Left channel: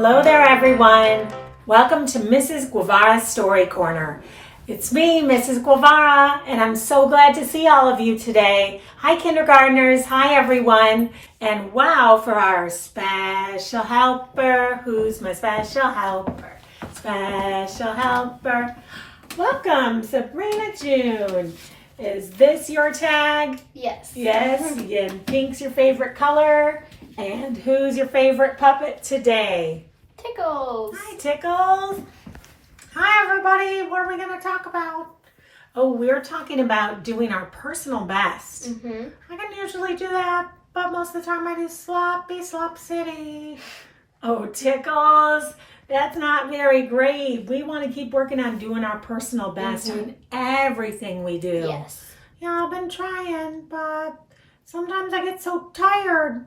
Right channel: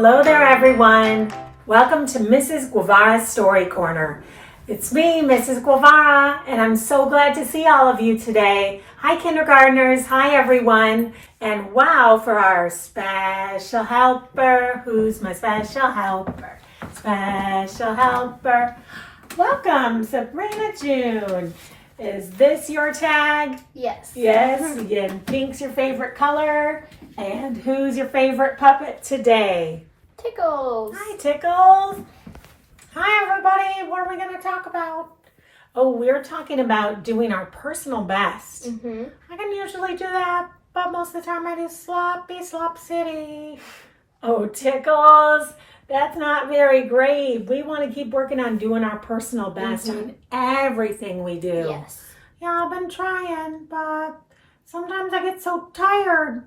Hello there, everyone. Welcome to Mrs. Guevara's Story Corner. It's me, Mrs. Guevara, and I'm so glad to see all of you today. Hi, kindergartners. Hi, everyone. And wow, for our special helper. Who's my special helper? Special helper. Welcome, Sabrina June. Is this your tag? Yes. Yes, and pink's your favorite color. And who's your favorite puppet today? Tickles. Hi, Tickles. Hi, everybody. What are we going to talk about? Oh, we're talking about doing our personal best. I can usually do that, but most of the time I do sloppy slop city. Oh, Tickles, that's not very great. We want to keep working on doing our personal best in everything we do. Yes. Yeah, I've been trying, but sometimes I get so tired.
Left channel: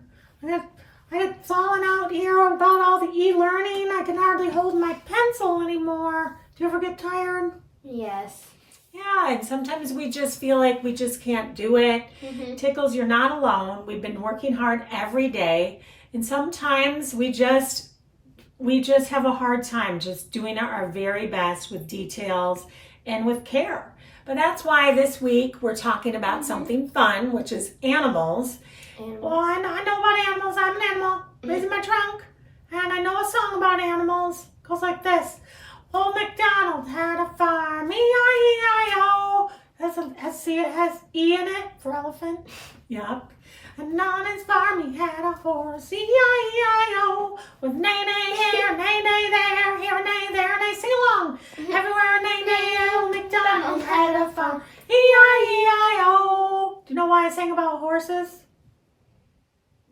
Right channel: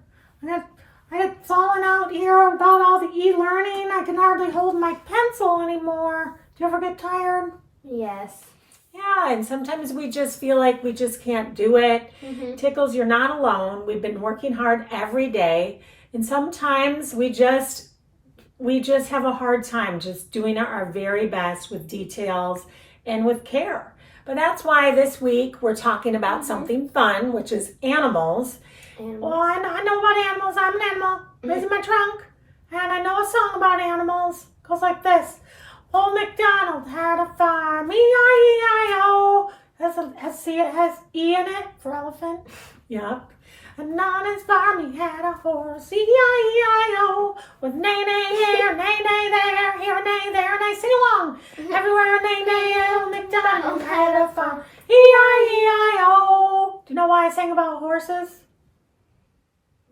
I get falling out here about all the e-learning. I can hardly hold my pencil anymore. Do you ever get tired? Yes. Yeah, and sometimes we just feel like we just can't do it. Tickles, you're not alone. We've been working hard every day. And sometimes we just have a hard time just doing our very best with details and with care. But that's why this week we're talking about something fun, which is animals. Well, I know about animals. I'm an animal. Raising my trunk. And I know a song about animals. It goes like this. Old MacDonald had a farm. E-I-E-I-O. It has E in it for elephant. Yep. And on his farm he had a horse. E-I-E-I-O. With neigh-neigh here, neigh-neigh there. Here and neigh, there and neigh. Sing along. Everywhere neigh-neigh. Old MacDonald had a farm. E-I-E-I-O. Do you know why I sang about horses?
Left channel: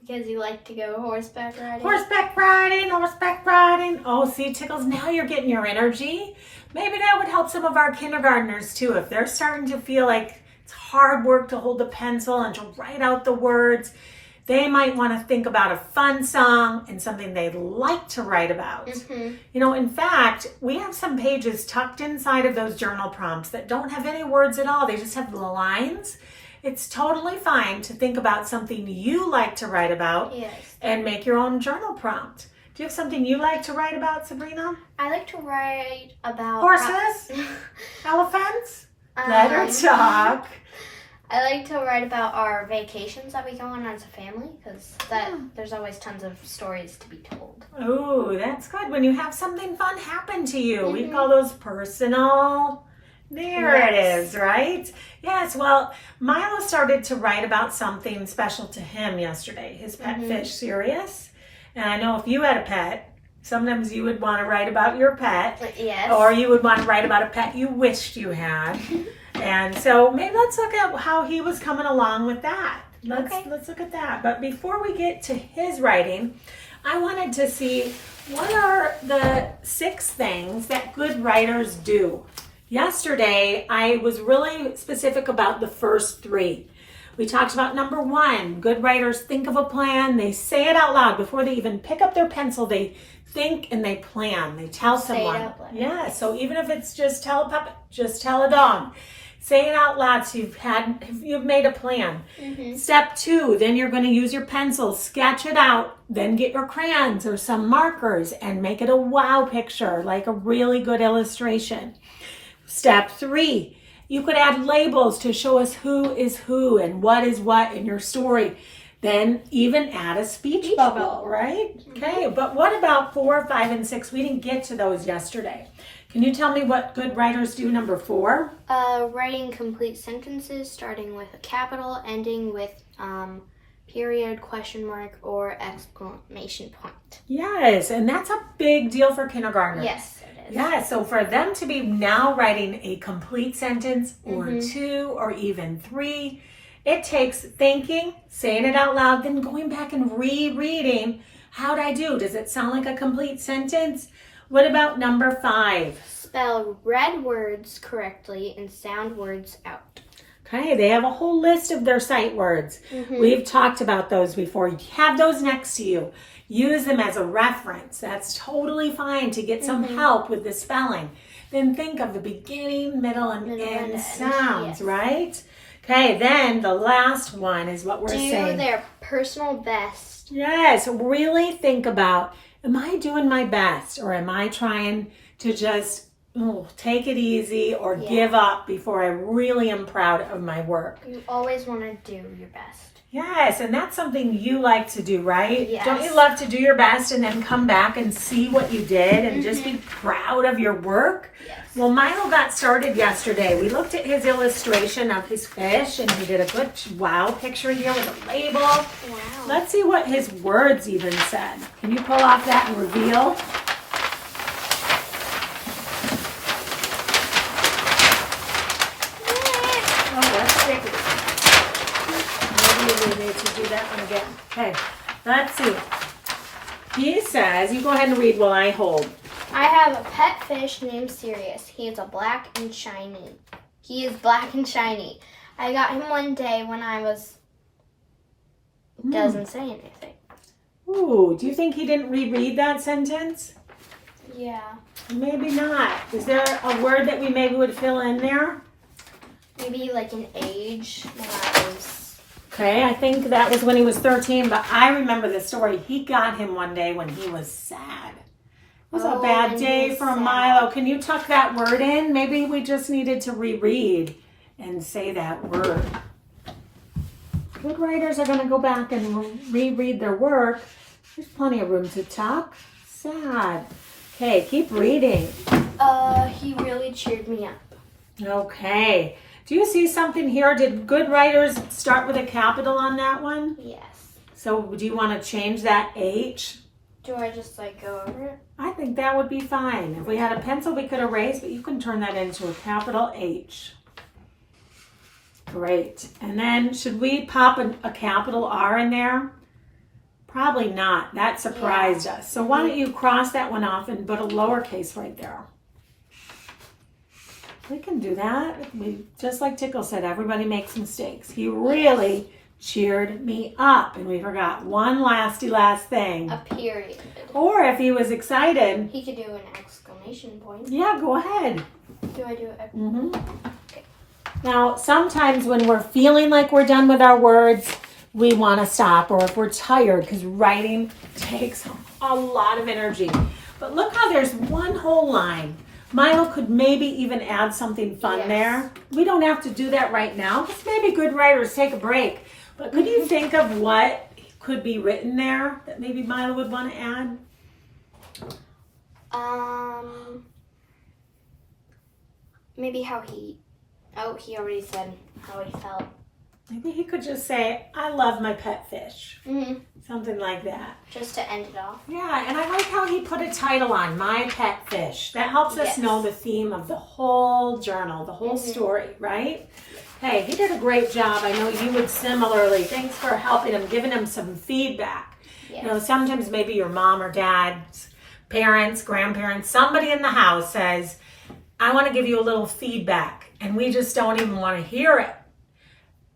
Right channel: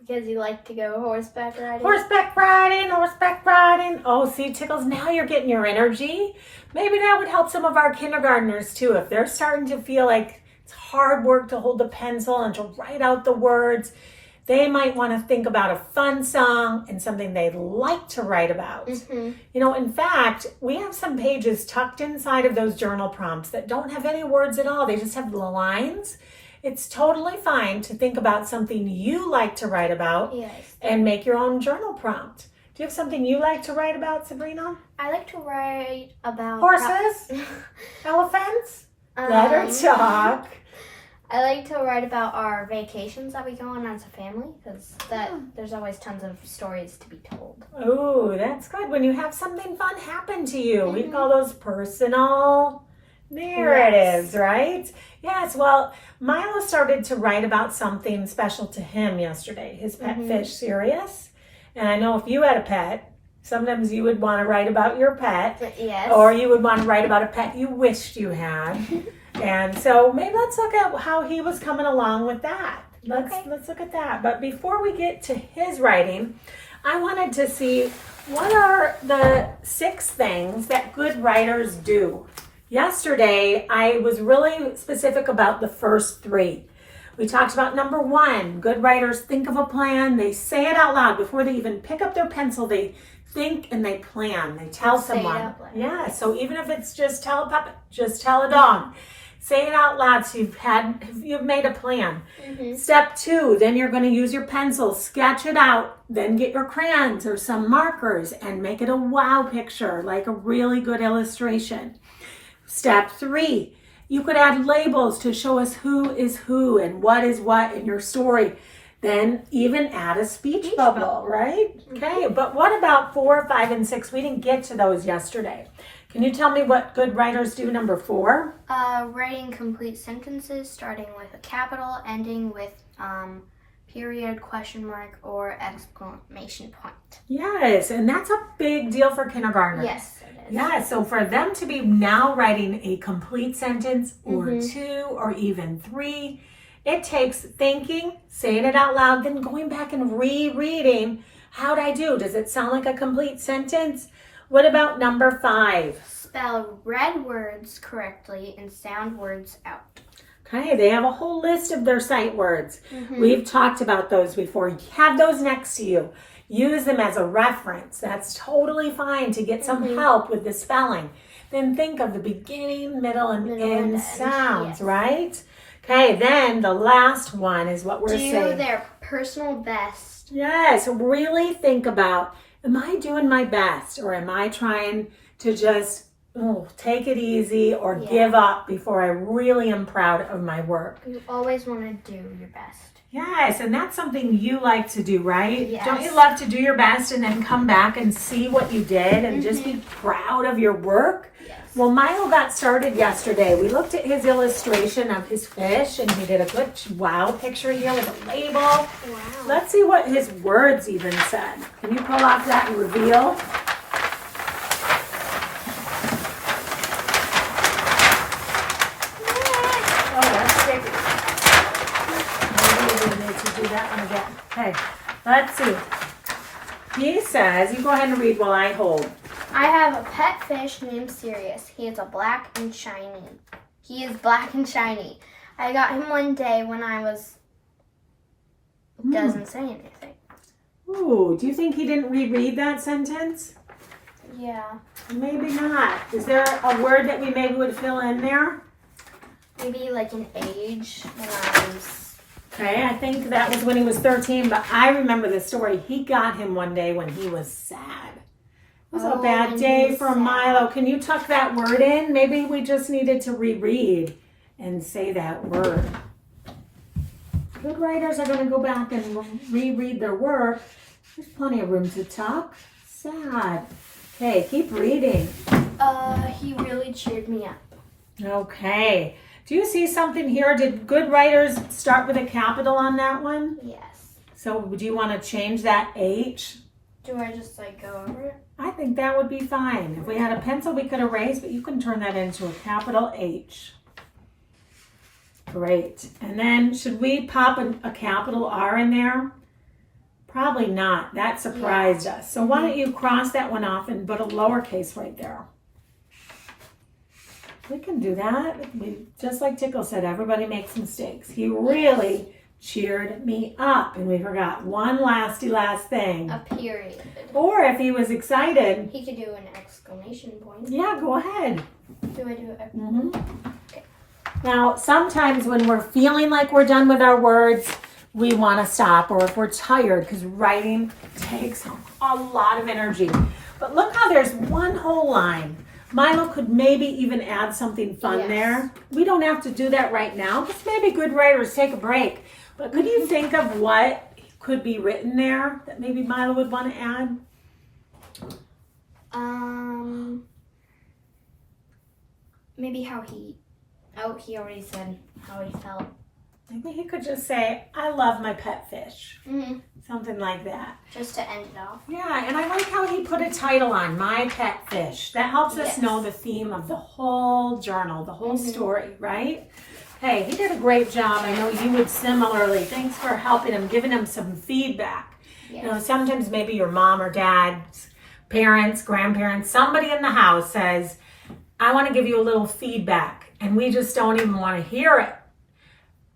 Because you like to go horseback riding? Horseback riding, horseback riding. Oh, see, Tickles, now you're getting your energy. Maybe that would help some of our kindergartners too. If they're starting to feel like it's hard work to hold the pencil and to write out the words, they might want to think about a fun song and something they'd like to write about. You know, in fact, we have some pages tucked inside of those journal prompts that don't have any words at all. They just have the lines. It's totally fine to think about something you like to write about and make your own journal prompt. Do you have something you like to write about, Sabrina? I like to write about... Horses? Elephants? Let her talk. I like to write about our vacations that we go on as a family because there's always tons of stories to be told. Oh, that's good. When you have something fun happen to you, we call those personal... There it is, right? Yes, well, Milo started to write about something special to him yesterday, his pet fish, Sirius. And I know if you had a pet, sometimes you would want to write about your pet. Yes. Or you would want to write about a pet you wished you had. And so maybe let's look at how he was coming along with that. Let's look at that. But before we get to his writing, I wanted to see what are the 6 things that good writers do. Yesterday, I was really specific about the first 3. We talked about number 1, good writers think of a plan. They say it out loud before they even pick up their pencil. They think and they plan. They tell someone. Yeah, so even if it's just tell a puppet, just tell a dog. Say it out loud so you've made a plan. Step 2, then you're going to use your pencil, sketch it out, then get your crayons or some markers and make it a wow picture, like a really good illustration. Step 3, you could add labels to show us who is who and what is what in your story. Then even add a speech bubble, right? Okay, but what about 4, 5, and 6? We didn't get to those yesterday. Can you tell me what good writers do, number 4? Writing complete sentences, starting with a capital, ending with period, question mark, or exclamation point. Yes, and that's a big deal for kindergartners. Yes. Yeah, so for them to be now writing a complete sentence or 2 or even 3, it takes thinking, saying it out loud, then going back and rereading. How'd I do? Does it sound like a complete sentence? What about number 5? Spell red words correctly and sound words out. Okay, they have a whole list of their sight words. We've talked about those before. Have those next to you. Use them as a reference. That's totally fine to get some help with the spelling. Then think of the beginning, middle, and end sounds, right? Okay, then the last one is what we're saying. Do their personal best. Yes, really think about am I doing my best, or am I trying to just take it easy or give up before I really am proud of my work? You always want to do your best. Yes, and that's something you like to do, right? Yes. Don't you love to do your best and then come back and see what you did and just be proud of your work? Yes. Well, Milo got started yesterday. We looked at his illustration of his fish, and he did a good wow picture here with a label. Wow. Let's see what his words even said. Can you pull off that and reveal? Oh, that's bigger. Maybe we need to do that one again. Okay, let's see. He says, you go ahead and read while I hold. I have a pet fish named Sirius. He is black and shiny. I got him one day when I was... Doesn't say anything. Ooh, do you think he didn't reread that sentence? Yeah. Maybe not. Is there a word that we maybe would fill in there? Maybe like an age when I was... Okay, I think that was when he was 13, but I remember the story. He got him one day when he was sad. It was a bad day for Milo. Can you tuck that word in? Maybe we just needed to reread and say that word. Good writers are going to go back and reread their work. There's plenty of room to tuck. Sad. Okay, keep reading. He really cheered me up. Okay. Do you see something here? Did good writers start with a capital on that one? Yes. So do you want to change that H? Do I just like go over it? I think that would be fine. If we had a pencil, we could erase, but you can turn that into a capital H. Great. And then should we pop a capital R in there? Probably not. That surprised us. So why don't you cross that one off and put a lowercase right there? We can do that. Just like Tickle said, everybody makes mistakes. He really cheered me up. And we forgot one last thing. A period. Or if he was excited. He could do an exclamation point. Yeah, go ahead. Do I do it? Okay. Now, sometimes when we're feeling like we're done with our words, we want to stop, or if we're tired, because writing takes a lot of energy. But look how there's one whole line. Milo could maybe even add something fun there. We don't have to do that right now. Just maybe good writers take a break. But could you think of what could be written there that maybe Milo would want to add? Maybe how he... Oh, he already said how he felt. Maybe he could just say, I love my pet fish. Something like that. Just to end it off. Yeah, and I like how he put a title on, My Pet Fish. That helps us know the theme of the whole journal, the whole story, right? Hey, he did a great job. I know you would similarly. Thanks for helping him, giving him some feedback. Yes. You know, sometimes maybe your mom or dad's parents, grandparents, somebody in the house says, I want to give you a little feedback, and we just don't even want to hear it.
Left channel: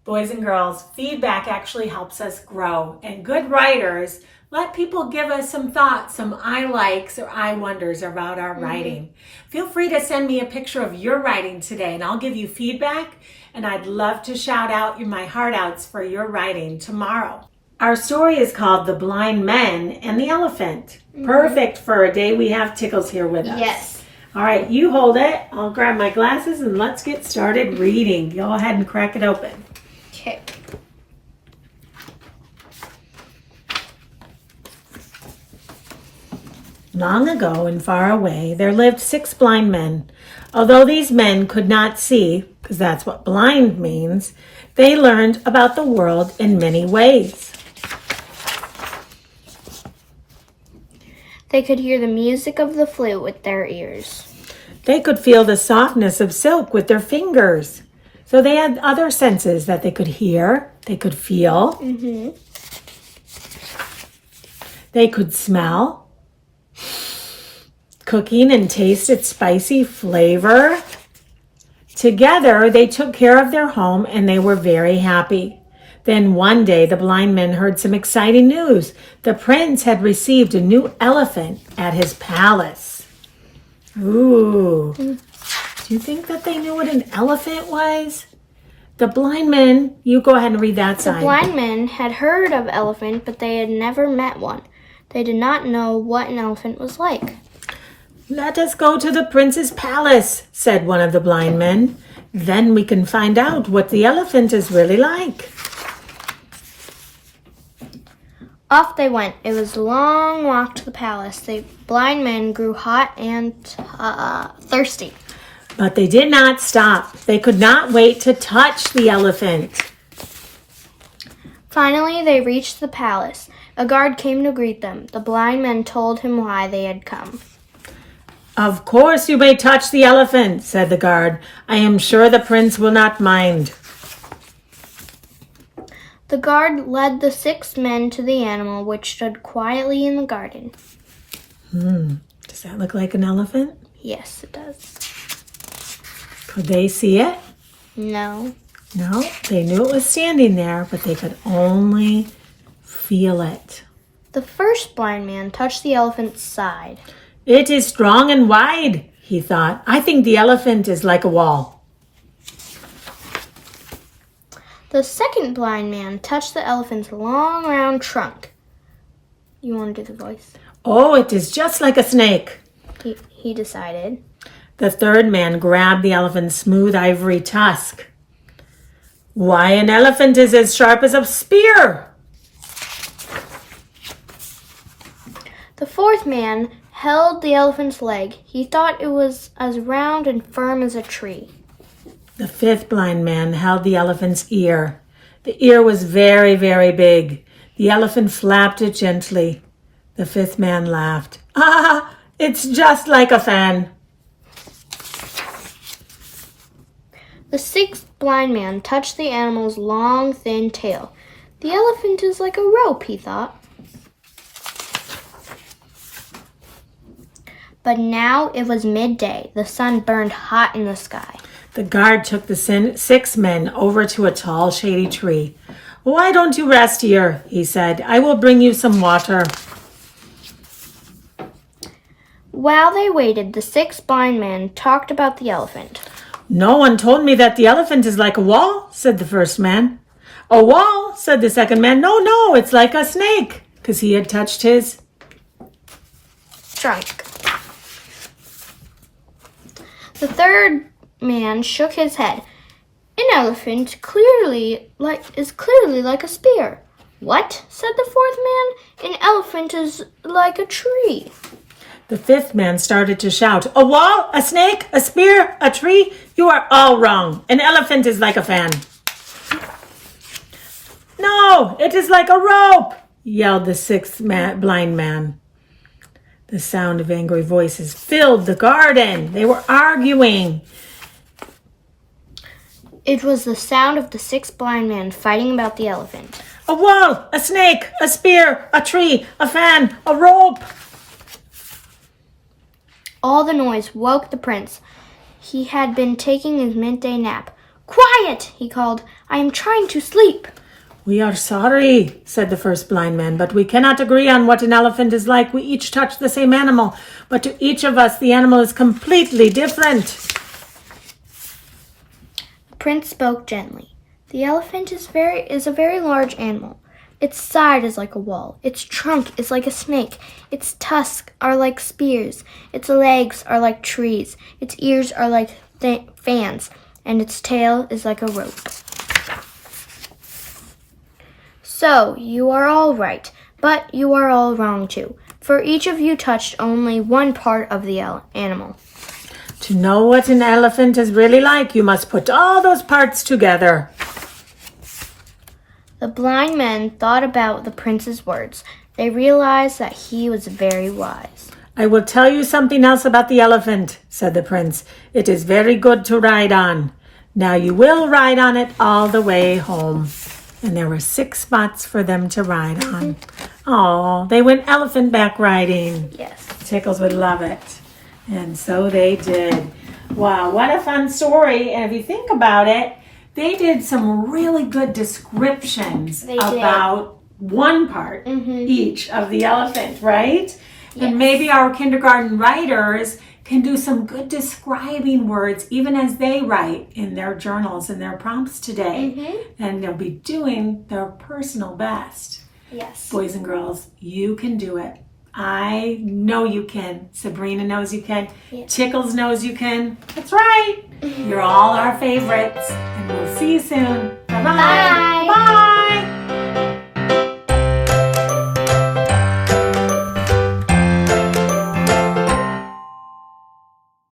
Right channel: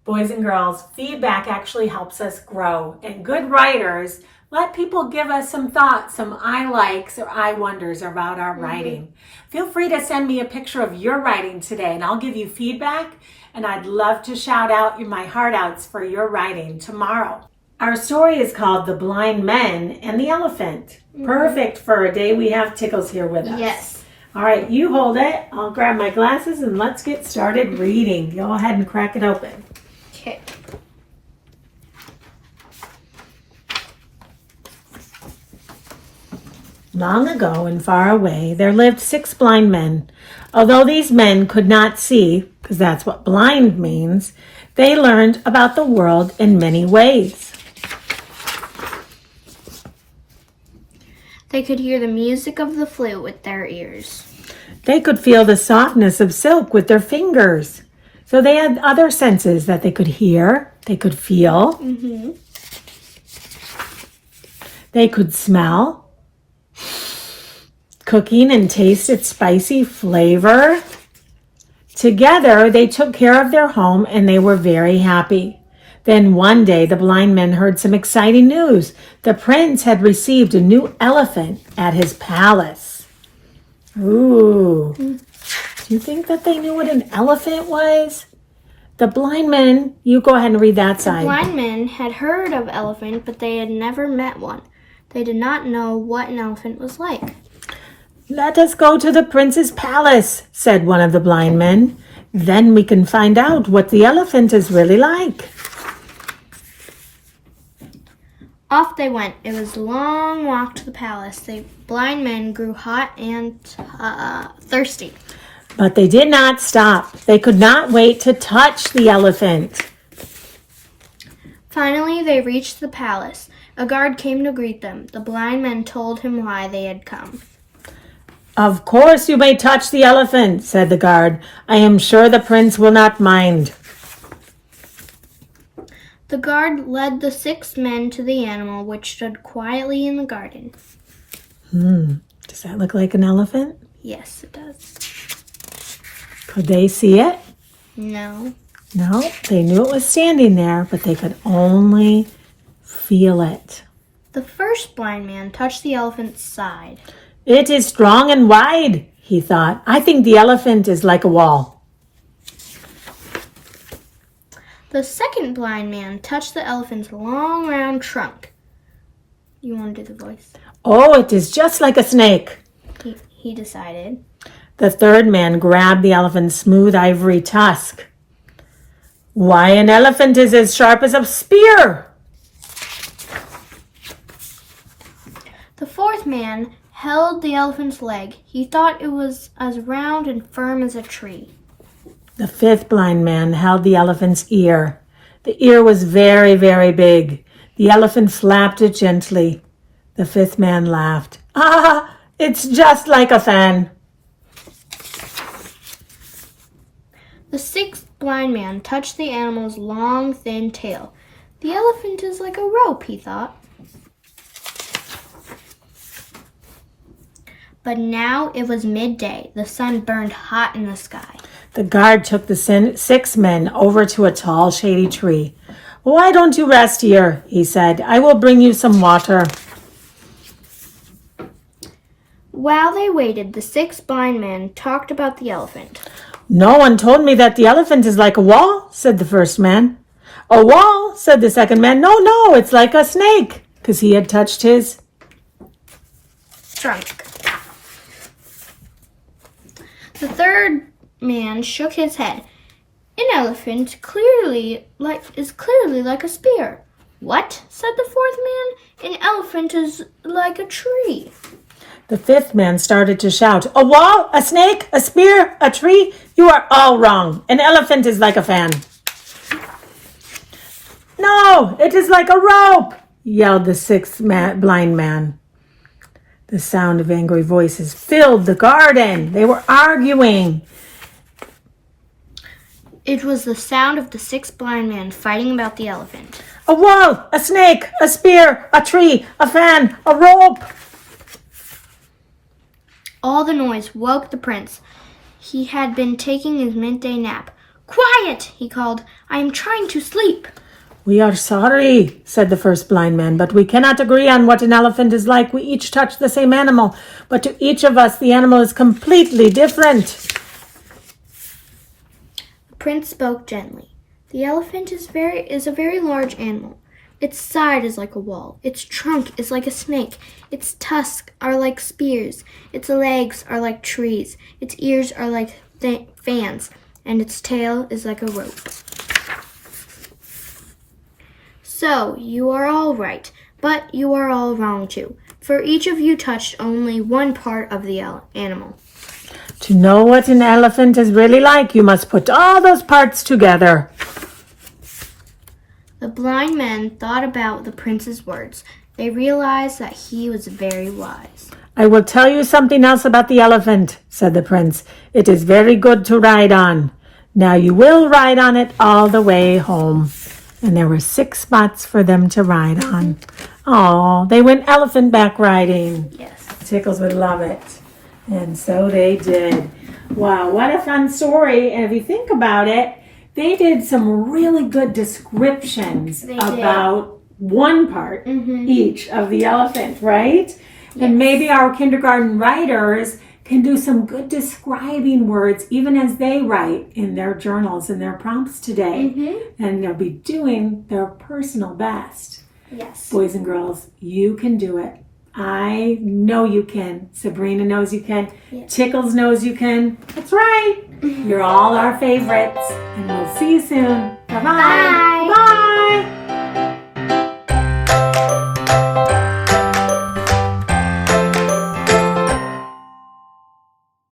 Boys and girls, feedback actually helps us grow. And good writers let people give us some thoughts, some I likes or I wonders about our writing. Feel free to send me a picture of your writing today, and I'll give you feedback. And I'd love to shout out my heart outs for your writing tomorrow. Our story is called The Blind Men and the Elephant. Perfect for a day we have Tickles here with us. Yes. All right, you hold it. I'll grab my glasses and let's get started reading. Go ahead and crack it open. Okay. Long ago and far away, there lived 6 blind men. Although these men could not see, because that's what blind means, they learned about the world in many ways. They could hear the music of the flute with their ears. They could feel the softness of silk with their fingers. So they had other senses that they could hear, they could feel. They could smell. Cooking and taste its spicy flavor. Together, they took care of their home and they were very happy. Then one day, the blind men heard some exciting news. The prince had received a new elephant at his palace. Ooh. Do you think that they knew what an elephant was? The blind men, you go ahead and read that side. The blind men had heard of elephant, but they had never met one. They did not know what an elephant was like. "Let us go to the prince's palace," said one of the blind men. "Then we can find out what the elephant is really like." Off they went. It was a long walk to the palace. The blind men grew hot and thirsty. But they did not stop. They could not wait to touch the elephant. Finally, they reached the palace. A guard came to greet them. The blind men told him why they had come. "Of course you may touch the elephant," said the guard. "I am sure the prince will not mind." The guard led the 6 men to the animal, which stood quietly in the garden. Does that look like an elephant? Yes, it does. Could they see it? No. No, they knew it was standing there, but they could only feel it. The first blind man touched the elephant's side. "It is strong and wide," he thought. "I think the elephant is like a wall." The second blind man touched the elephant's long, round trunk. You want to do the voice? "Oh, it is just like a snake." He decided. The third man grabbed the elephant's smooth ivory tusk. "Why, an elephant is as sharp as a spear." The fourth man held the elephant's leg. He thought it was as round and firm as a tree. The fifth blind man held the elephant's ear. The ear was very, very big. The elephant flapped it gently. The fifth man laughed. "Ah, it's just like a fan." The sixth blind man touched the animal's long, thin tail. The elephant is like a rope, he thought. But now it was midday. The sun burned hot in the sky. The guard took the 6 men over to a tall, shady tree. "Why don't you rest here?" he said. "I will bring you some water." While they waited, the 6 blind men talked about the elephant. "No one told me that the elephant is like a wall," said the first man. "A wall," said the second man. No, it's like a snake," because he had touched his trunk. The third man shook his head. "An elephant is clearly like a spear." "What?" said the fourth man. "An elephant is like a tree." The fifth man started to shout, "A wall, a snake, a spear, a tree? You are all wrong. An elephant is like a fan." "No, it is like a rope," yelled the sixth blind man. The sound of angry voices filled the garden. They were arguing. It was the sound of the 6 blind men fighting about the elephant. "A wall, a snake, a spear, a tree, a fan, a rope." All the noise woke the prince. He had been taking his midday nap. "Quiet!" he called. "I am trying to sleep." "We are sorry," said the first blind man, "but we cannot agree on what an elephant is like. We each touch the same animal, but to each of us the animal is completely different." The prince spoke gently. "The elephant is a very large animal. Its side is like a wall. Its trunk is like a snake. Its tusks are like spears. Its legs are like trees. Its ears are like fans. And its tail is like a rope." "So, you are all right, but you are all wrong too. For each of you touched only one part of the animal." To know what an elephant is really like, you must put all those parts together. The blind men thought about the prince's words. They realized that he was very wise. "I will tell you something else about the elephant," said the prince. "It is very good to ride on. Now you will ride on it all the way home." And there were 6 spots for them to ride on. Oh, they went elephant back riding. Yes. Tickles would love it. And so they did. Wow, what a fun story. And if you think about it, they did some really good descriptions about one part each of the elephant, right? Yes. And maybe our kindergarten writers can do some good describing words even as they write in their journals and their prompts today. And they'll be doing their personal best. Yes. Boys and girls, you can do it. I know you can. Sabrina knows you can. Yeah. Tickles knows you can. That's right. You're all our favorites. And we'll see you soon. Bye-bye. Bye. Bye.